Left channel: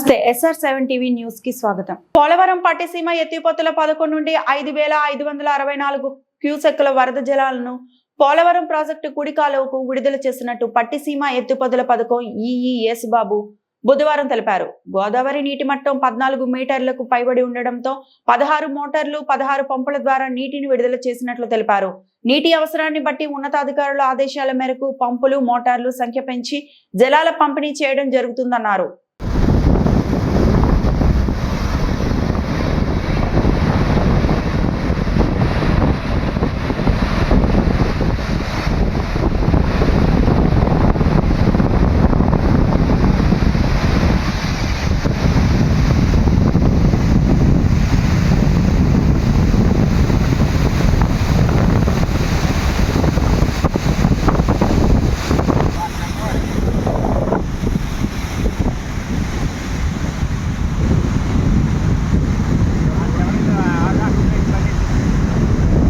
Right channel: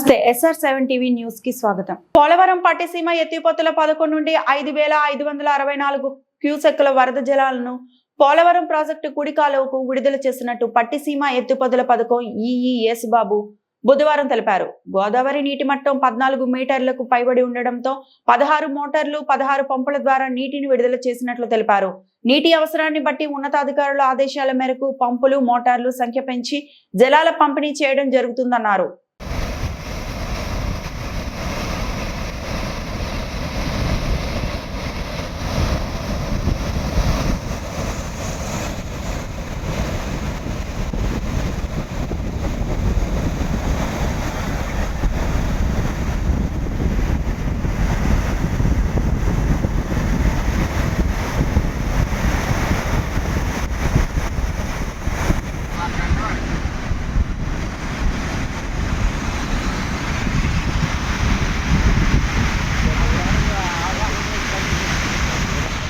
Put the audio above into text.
నమస్తే SR seven TV న్యూస్కి స్వాగతం. పోలవరం పట్టిసీమ ఎత్తిపోతుల పథకం నుండి ఐదు వేల ఐదు వందల అరవై నాలుగు క్యూసెక్కుల వరద జలాలను పోలవరం ప్రాజెక్టు కుడికాలువకు విడుదల చేసినట్టు పట్టిసీమ ఎత్తిపోతుల పథకం ఈఈ యేసుబాబు బుధవారం తెలిపారు. గోదావరి నీటి మట్టం పద్నాలుగు మీటర్లకు పైబడి ఉండడంతో పదహారు మోటార్లు పదహారు పంపుల ద్వారా నీటిని విడుదల చేసినట్లు తెలిపారు. నీటి అవసరాన్ని బట్టి ఉన్నతాధికారుల ఆదేశాల మేరకు పంపులు మోటార్లు సంఖ్య పెంచి జలాల పంపిణీ చేయడం జరుగుతుందన్నారు.